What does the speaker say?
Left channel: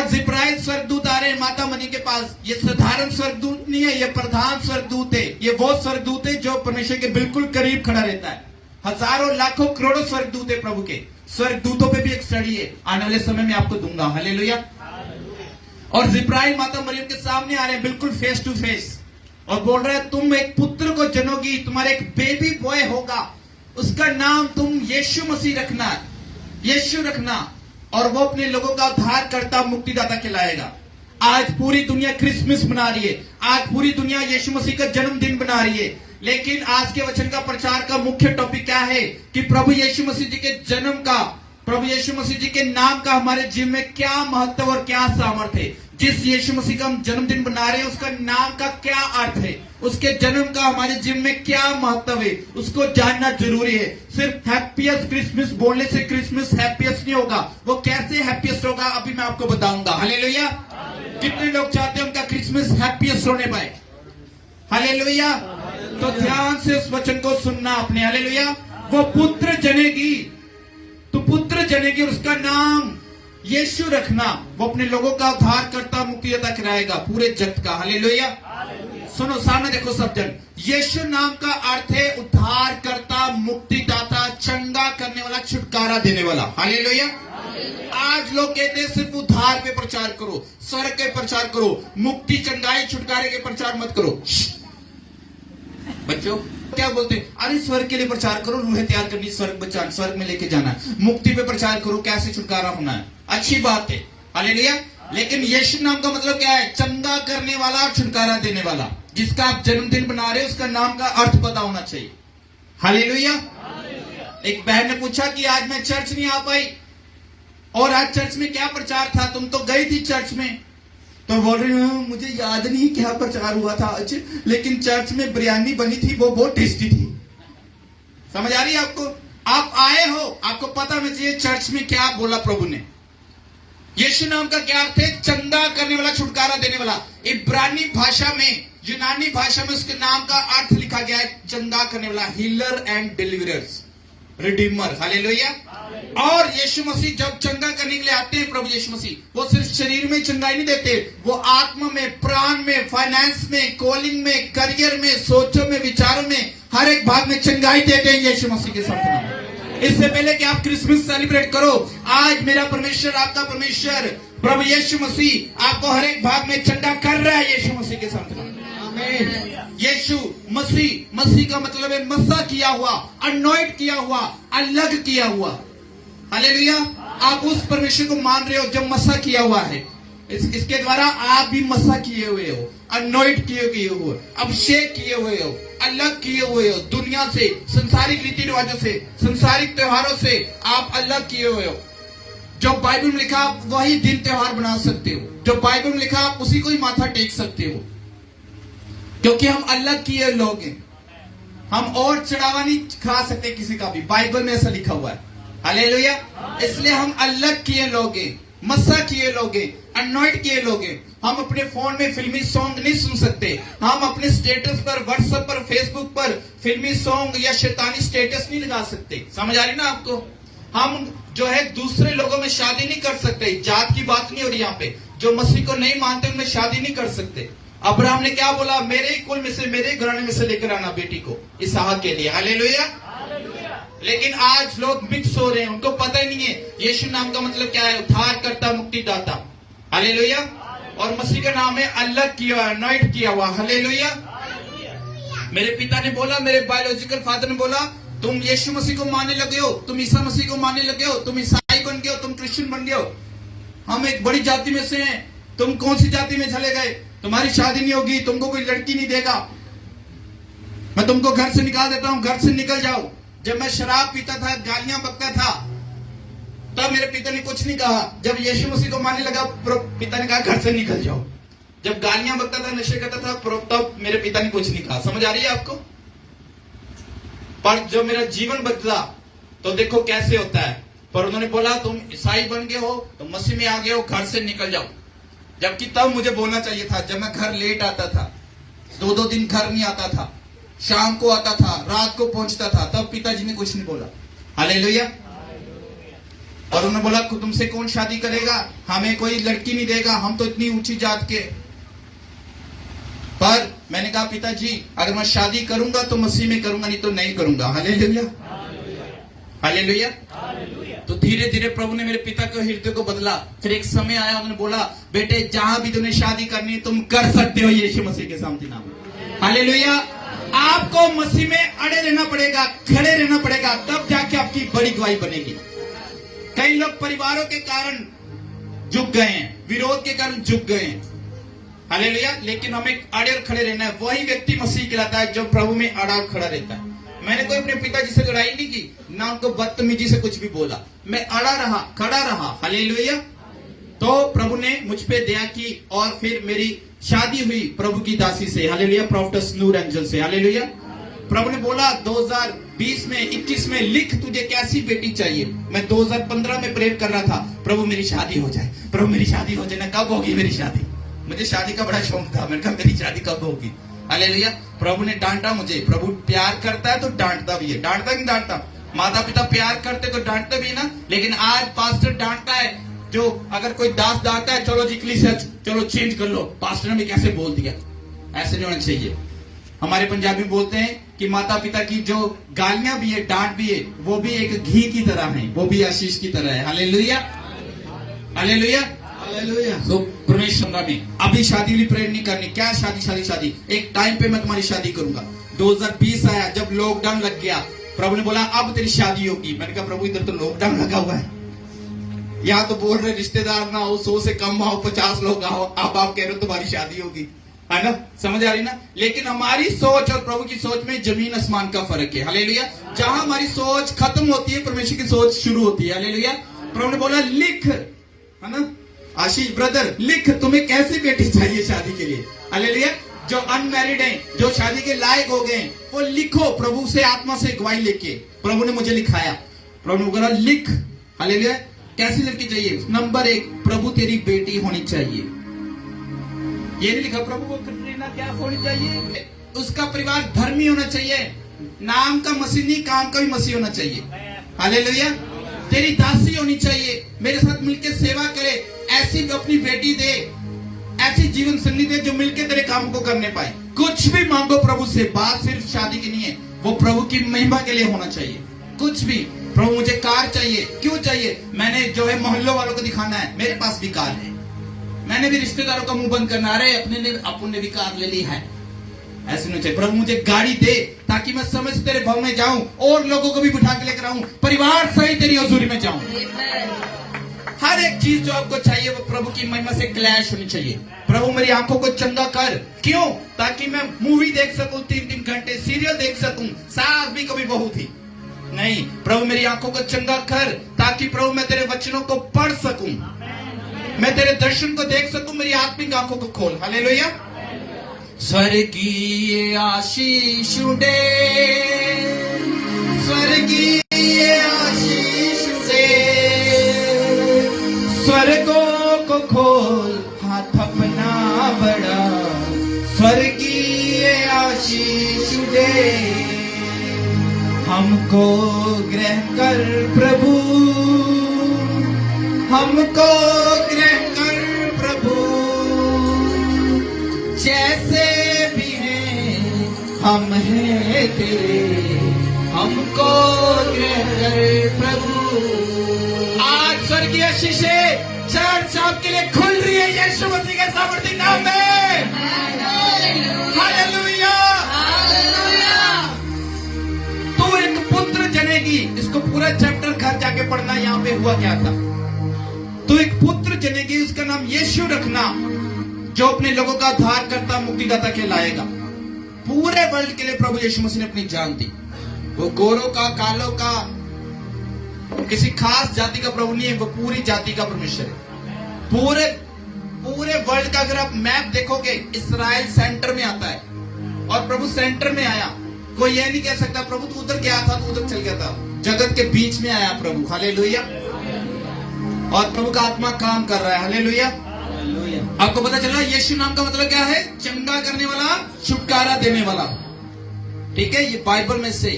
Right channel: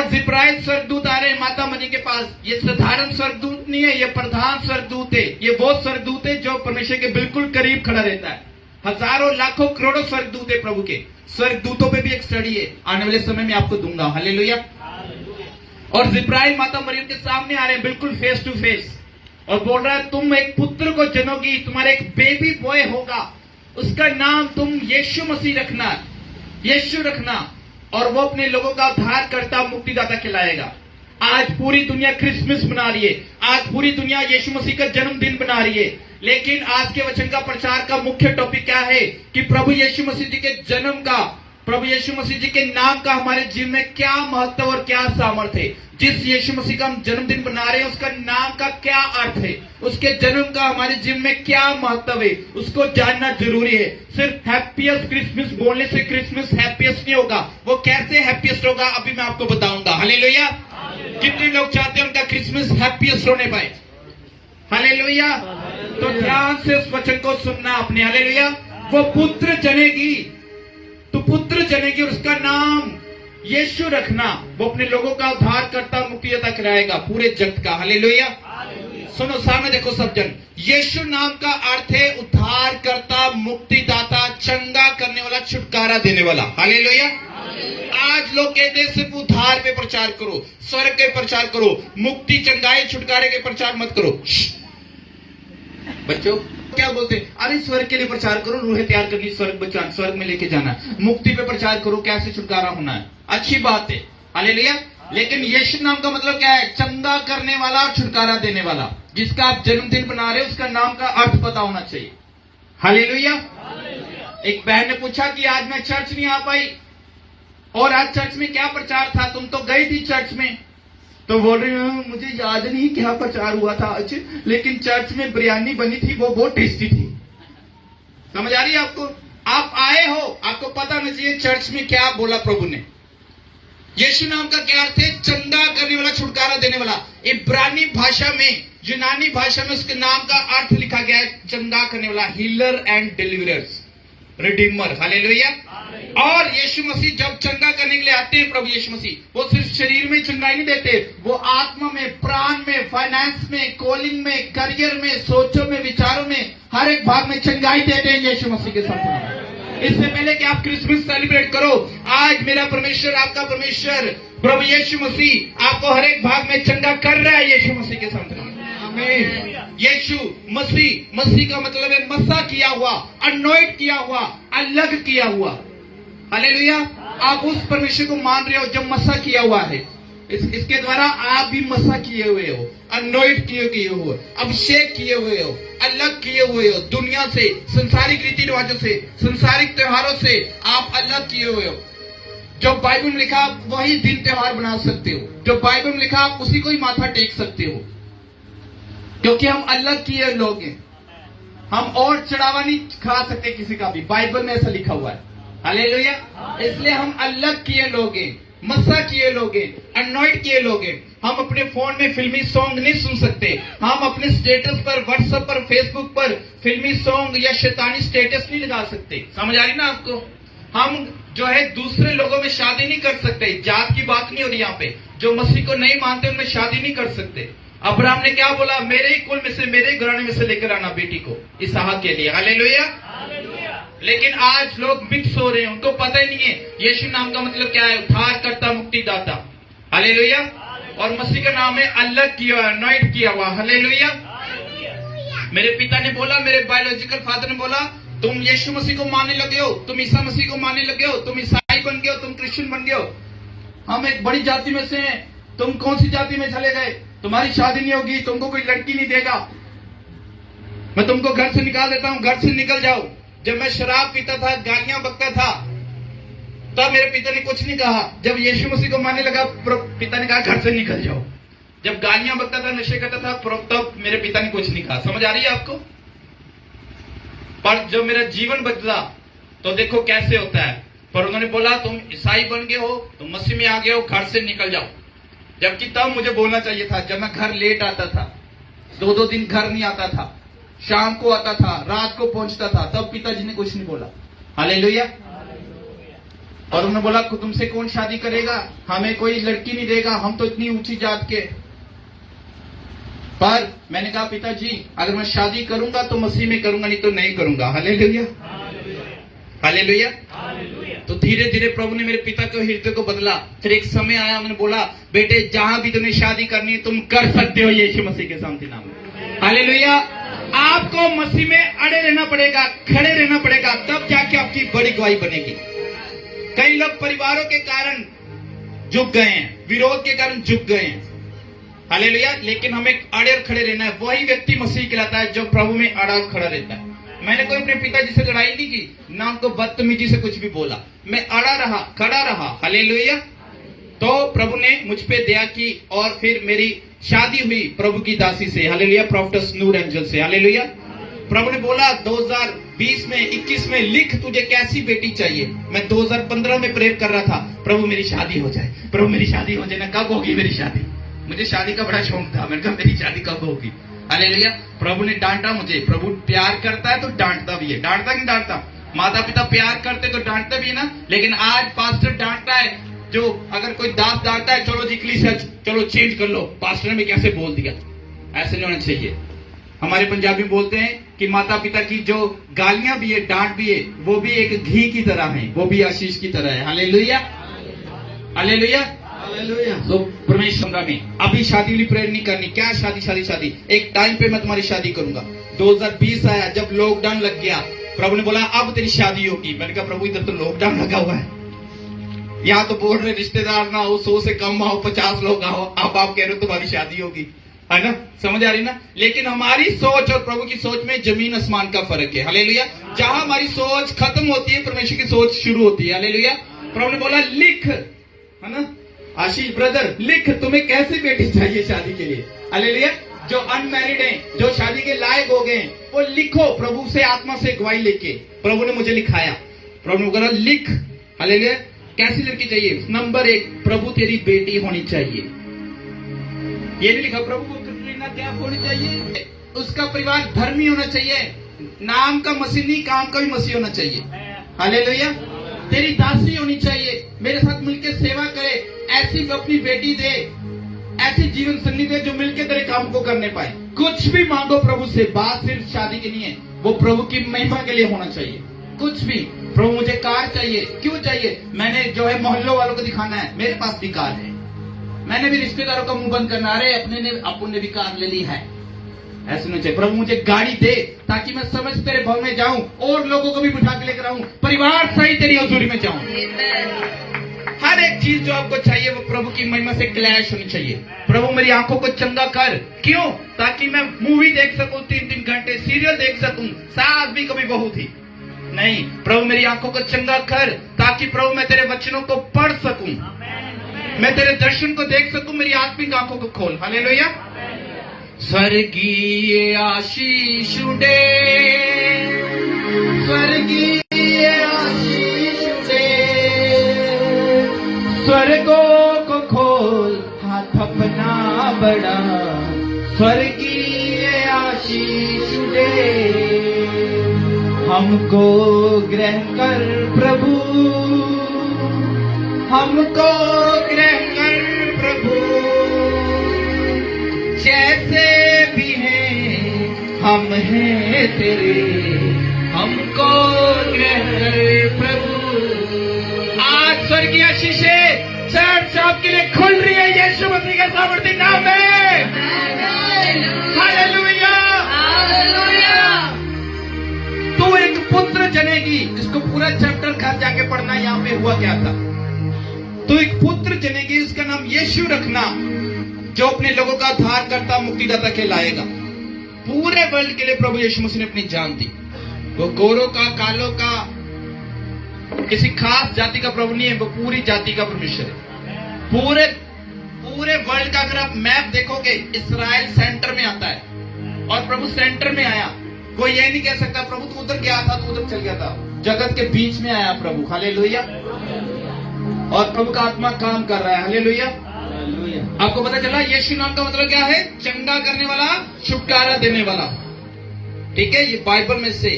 और जिब्राइल स्वर्गदूत आ रहे हैं माता मरी के पास। ये साधारण स्वर्गदूत नहीं है, ये प्रधान स्वर्गदूत है। ये वो स्वर्गदूत है जो परमेश्वर के बिल्कुल करीब खड़ा रहता है। हजारों लाखों करोड़ों स्वर्गदूत है प्रभु के। स्वर्गदूतों पे भी एक स्टडी है, आने वाले समय में आपको दूंगा। हालेलुया। और जिब्राइल माता मरियम के सामने आ रहे हैं बिल्कुल फेस टू फेस, और बोल रहा है तुम एक पुत्र को जनोगी, तुम्हारा एक बेबी बॉय होगा, उसका नाम तुम यीशु मसीह रखना, यीशु रखना, और वो अपने लोगों का उद्धार करता मुक्तिदाता कहलाएगा। आज पूरी दुनिया क्रिसमस मना रही है, आज पूरी दुनिया यीशु मसीह का जन्मदिन बना रही है, लेकिन आज के वचन का प्रचार का मुख्य टॉपिक क्या है कि प्रभु यीशु मसीह जी के जन्म का, प्रभु यीशु मसीह जी के नाम का हमारे जीवन में क्या महत्व और क्या सामर्थ्य है। जिस यीशु मसीह का हम जन्मदिन बना रहे हैं उसका नाम का क्या अर्थ है, उसके जन्म का हमारे जीवन में क्या महत्व है, उसको जानना जरूरी है। सिर्फ हैप्पीएस्ट क्रिसमस बोलने से क्रिसमस हैप्पीएस्ट नहीं होगा। वो कैसे हैप्पीएस्ट होगा अभी मैं आपको बताऊंगा। हालेलुया। कितने लोग चाहते हैं उनका क्रिसमस हैप्पीएस्ट होने पाए? हालेलुया। तो ध्यान से उस वचन को सुनना आपने। हालेलुया। वो पुत्र जनेगी, तो पुत्र जनेगी और उसका नाम यीशु रखना। वो अपने लोगों का उद्धार करता मुक्तिदाता कराएगा पूरे जगत का। हालेलुया। सुनो सामने देखो सब जन, यीशु नाम का अर्थ है उद्धार करता, मुक्तिदाता, चंगा करने वाला, छुटकारा देने वाला। हालेलुया। आज लोग कहते हैं सिर्फ उद्धार पे प्रचार करो, स्वर्ग के प्रचार करो, मुक्ति, चंगाई, छुटकारे के प्रचार मत करो। बच्चों क्या बोलते हैं? अरे स्वर्ग के लिए प्रचार करो, रूहें तैयार करनी, स्वर्ग बचाना, स्वर्ग में लेके जाना है। मुक्ति पे प्रचार करो, कैसे छुटकारा होना है, अच्छी बात है। हालेलुया। लेकिन यीशु नाम का मतलब क्या है? चंगा करने वाला, छुटकारा देने वाला। जिसका आप जन्मदिन बना रहे हो उसका नाम का अर्थ पता होना चाहिए। हालेलुया। एक बहन ने पूछा कि आज मैं चर्च नहीं आ पाई, और आज चर्च में क्या प्रचार था? तुम तो गई थी चर्च में। तो बोल रही हूँ मुझे याद नहीं क्या प्रचार हुआ था आज, लेकिन चर्च में बिरयानी बनी थी, वो बहुत टेस्टी थी। समझ आ रही है आपको? आप आए हो, आपको पता होना चाहिए चर्च में क्या बोला प्रभु ने। यीशु नाम का क्या अर्थ है? चंगा करने वाला, छुटकारा देने वाला। इब्रानी भाषा में, यूनानी भाषा में उसके नाम का अर्थ लिखा गया है चंगा करने वाला, healer and deliverers, Redeemer. Hallelujah. और यीशु मसीह जब चंगा करने के लिए आते हैं, प्रभु यीशु मसीह, वो सिर्फ शरीर में चंगाई नहीं देते, वो आत्मा में, प्राण में, फाइनेंस में, कॉलिंग में, करियर में, सोचों में, विचारों में, हर एक भाग में चंगाई देते हैं यीशु मसीह के साथ। इससे पहले कि आप क्रिसमस सेलिब्रेट करो, आज मेरा परमेश्वर, आपका परमेश्वर प्रभु यीशु मसीह आपको हर एक भाग में चंगा कर रहा है यीशु मसीह के साथ। यीशु मसीह, मसीह का मतलब है मसा किया हुआ, अनॉइंट किया हुआ, अलग किया हुआ। हालेलुया। आप उस परमेश्वर को मान रहे हो जो मसा किया हुआ है। इसके द्वारा आप भी मसा किए हुए हो, अनॉइंट किए हुए हो, अभिषेक किए हुए हो, अलग किए हुए हो दुनिया से, संसारिक रीति रिवाजों से, संसारिक त्योहारों से आप अलग किए हुए हो। जो बाइबल में लिखा वही दिन त्योहार बना सकते हो, जो बाइबल में लिखा आप उसी को ही माथा टेक सकते हो, क्योंकि हम अलग किए लोग हैं। हम और चढ़ावा नहीं खा सकते किसी का भी, बाइबल में ऐसा लिखा हुआ है। हालेलुया। इसलिए हम अलग किए लोग हैं, मसा किए लोग हैं, अनॉइंट किए लोग हैं। हम अपने फोन में फिल्मी सॉन्ग नहीं सुन सकते, हम अपने स्टेटस पर, व्हाट्सएप पर, फेसबुक पर फिल्मी सॉन्ग या शैतानी स्टेटस नहीं लगा सकते। समझ आ रही ना आपको? हम जो है दूसरे लोगों में शादी नहीं कर सकते। जात की बात नहीं हो रही यहाँ पे। जो मसीह को नहीं मानते उनमें शादी नहीं कर सकते। अब्राहम ने क्या बोला? मेरे ही कुल में से, मेरे ही घराने में से लेकर आना बेटी को इसहाक के लिए। हालेलुया। लेकिन आज लोग मिक्स हो रहे हैं, उनको पता ही नहीं है यीशु नाम का मतलब क्या है, उद्धार करता, मुक्तिदाता। हालेलुया। और मसीह का नाम है अलग किया हुआ, अनॉइंट किया हुआ। हालेलुया। मेरे पिता ने बोला, मेरे बायोलॉजिकल फादर ने बोला, तुम यीशु मसीह को मानने लगे हो, तुम ईसा मसीह को मानने लगे हो, तुम ईसाई बन गए हो, तुम क्रिश्चियन बन गए हो, हम एक बड़ी जाति में से हैं, तुम कौन सी जाति में चले गए, तुम्हारी शादी नहीं होगी, तुमको कोई लड़की नहीं देगा, मैं तुमको घर से निकाल देता हूं, घर से निकल जाओ। जब मैं शराब पीता था, गालियां बकता था, तो मेरे पिता ने कुछ नहीं कहा। जब यीशु मसीह को मानने लगा, पिता ने कहा घर से निकल जाओ। जब गालियां बकता था, नशे करता था, तब मेरे पिता ने कुछ नहीं कहा। समझ आ रही है आपको? पर जब मेरा जीवन बदला तो देखो कैसे होता है। पर उन्होंने बोला तुम ईसाई बन गए हो, तुम मसीह में आ गए हो, घर से निकल जाओ। जबकि तब मुझे बोलना चाहिए था, जब मैं घर लेट आता था, 2-2 दिन घर नहीं आता था, शाम को आता था, रात को पहुंचता था, तब पिताजी ने कुछ नहीं बोला। हालेलुया। और उन्होंने बोला तुमसे कौन शादी करेगा, हमें कोई लड़की नहीं देगा, हम तो इतनी ऊंची जात के। पर मैंने कहा पिताजी अगर मैं शादी करूंगा तो मसीह में करूंगा, नहीं तो नहीं करूंगा। Hallelujah, hallelujah. तो धीरे धीरे प्रभु ने मेरे पिता के हृदय को बदला। फिर एक समय आया, उन्होंने बोला बेटे जहां भी तुम्हें शादी करनी है तुम कर सकते हो यीशु मसीह के शांति नाम में। हालेलुया। आपको मसीह में अड़े रहना पड़ेगा, खड़े रहना पड़ेगा, तब जाके आपकी बड़ी गवाही बनेगी। कई लोग परिवारों के कारण झुक गए हैं, विरोध के कारण झुक गए हैं। हालेलुया। लेकिन हमें अड़े और खड़े रहना है। वही व्यक्ति मसीह कहलाता है जो प्रभु में अड़ा और खड़ा रहता है। मैंने कोई अपने पिताजी से लड़ाई नहीं की, ना उनको बदतमीजी से कुछ भी बोला, मैं अड़ा रहा, खड़ा रहा। हालेलुया। तो प्रभु ने मुझ पे दया की और फिर मेरी शादी हुई प्रभु की दासी से। हालेलुया, प्रोफेटस नूर एंजल से। हालेलुया। प्रभु ने बोला 2020 में 21 में लिख तुझे कैसी बेटी चाहिए। मैं 2015 में प्रेयर कर रहा था, प्रभु मेरी शादी हो जाए, प्रभु मेरी शादी हो जाए ना। कब होगी मेरी शादी? मुझे शादी का बड़ा शौक था। मैंने कहा मेरी शादी कब होगी? हालेलुया। प्रभु ने डांटा मुझे। प्रभु प्यार करता है तो डांटता भी है। डांटता कि डांटता? माता पिता प्यार करते तो डांटते भी ना। लेकिन आज पास्टर डांटता है, जो अगर कोई दास डांटता है चलो जी क्लीसियस चलो चेंज कर लो, पास्टर ने भी कैसे बोल दिया। ऐसे नहीं होना चाहिए। हमारे पंजाबी बोलते हैं कि माता पिता की जो गालियां भी है, डांट भी है, वो भी एक घी की तरह है, वो भी आशीष की तरह है। Hallelujah, hallelujah, hallelujah. तो परमेश्वर में अभी शादी वाली प्रेयर नहीं करनी। क्या शादी शादी शादी? एक टाइम पे मैं तुम्हारी शादी करूंगा। 2020 आया, जब लॉकडाउन लग गया, प्रभु ने बोला अब तेरी शादी होगी। मैंने कहा प्रभु इधर तो लॉकडाउन लगा हुआ है, यहाँ तो बोल रहे रिश्तेदार ना हो, 100 से कम आओ, 50 लोग आओ, अब आप कह रहे हो तुम्हारी शादी होगी, है ना? समझ आ रही ना? लेकिन हमारी सोच और प्रभु की सोच में जमीन आसमान का फर्क है। हालेलुया। जहां हमारी सोच खत्म होती है, परमेश्वर की सोच शुरू होती है। हालेलुया। प्रभु ने बोला लिख, है ना आशीष ब्रदर, लिख तुम्हें कैसी बेटी चाहिए शादी के लिए। हालेलुया। जो अनमैरिड हैं, जो शादी के लायक हो गए, वो लिखो प्रभु से आत्मा से गवाही लेके। प्रभु ने मुझे लिखाया। प्रभु ने बोला लिख। हालेलुया। कैसी लड़की चाहिए? नंबर 1, प्रभु तेरी बेटी होनी चाहिए। ये नहीं लिखा प्रभु को कटरीना कैफ होनी चाहिए। उसका परिवार धर्मी होना चाहिए, नाम का मसीह नहीं काम का भी मसीह होना चाहिए। हालेलुया। तेरी दासी होनी चाहिए, मेरे साथ मिलकर सेवा करे, ऐसी अपनी बेटी दे, ऐसी जीवन संगी दे जो मिलकर तेरे काम को करने पाए। कुछ भी मांगो प्रभु से, बात सिर्फ शादी की नहीं है, वो प्रभु की महिमा के लिए होना चाहिए। कुछ भी, प्रभु मुझे कार चाहिए, क्यों चाहिए? मैंने जो है मोहल्लों वालों को दिखाना है, मेरे पास भी कार है। मैंने भी रिश्तेदारों का मुंह बंद करना, अरे अपन ने भी कार ले ली है, ऐसे नहीं चाहिए। प्रभु मुझे गाड़ी दे ताकि मैं समय से तेरे भवन में जाऊं और लोगों को भी बिठा के लेकर आऊं, परिवार सहित तेरी हजूरी में जाऊं। हर एक चीज जो आपको चाहिए वो प्रभु की महिमा से क्लैश होनी चाहिए। प्रभु मेरी आंखों को चंगा कर, क्यों? ताकि मैं मूवी देख सकूं 3-3 घंटे, सीरियल देख सकूं, सास भी कभी बहू थी नहीं। प्रभु मेरी आंखों को चंगा कर ताकि प्रभु मैं तेरे वचनों को पढ़ सकूं, मैं तेरे दर्शन को देख सकूं, मेरी आत्मिक आंखों को खोल। हालेलुया। स्वर्गीय आशीष दे, स्वर्गीय आशीष से स्वर्गों को खोल, हाथ अपना बड़ा, स्वर्गीय आशीष दे। हमको ग्रहण कर प्रभु, हमको ग्रहण कर प्रभु, जैसे भी हैं हम हैं तेरे, हमको ग्रहण कर प्रभु। आज स्वर्गीय आशीषें चर्च आपके लिए खुल रही है यीशु मसीह के सामर्थ्य नाम में। हालेलुया। तू एक पुत्र जनेगी। इसको पूरा चैप्टर घर जाके पढ़ना, यहाँ पे हुआ क्या था। तू एक पुत्र जनेगी, उसका नाम यीशु रखना, जो अपने लोगों का उद्धार करता मुक्तिदाता कहलाएगा। पूरे वर्ल्ड के लिए प्रभु यीशु मसीह ने अपनी जान दी। वो गोरों का, कालों का, किसी खास जाति का प्रभु नहीं है, वो पूरी जाति का परमेश्वर है। पूरे वर्ल्ड का अगर आप मैप देखोगे, इस्राइल सेंटर में आता है और प्रभु सेंटर में आया। कोई ये नहीं कह सकता प्रभु तो उधर गया था तो उधर चल गया था, जगत के बीच में आया प्रभु। हालेलुया। और प्रभु का आत्मा काम कर रहा है। हालेलुया। आपको पता चला यीशु नाम का मतलब क्या है? चंगा करने वाला, छुटकारा देने वाला। ठीक है, ये बाइबल में से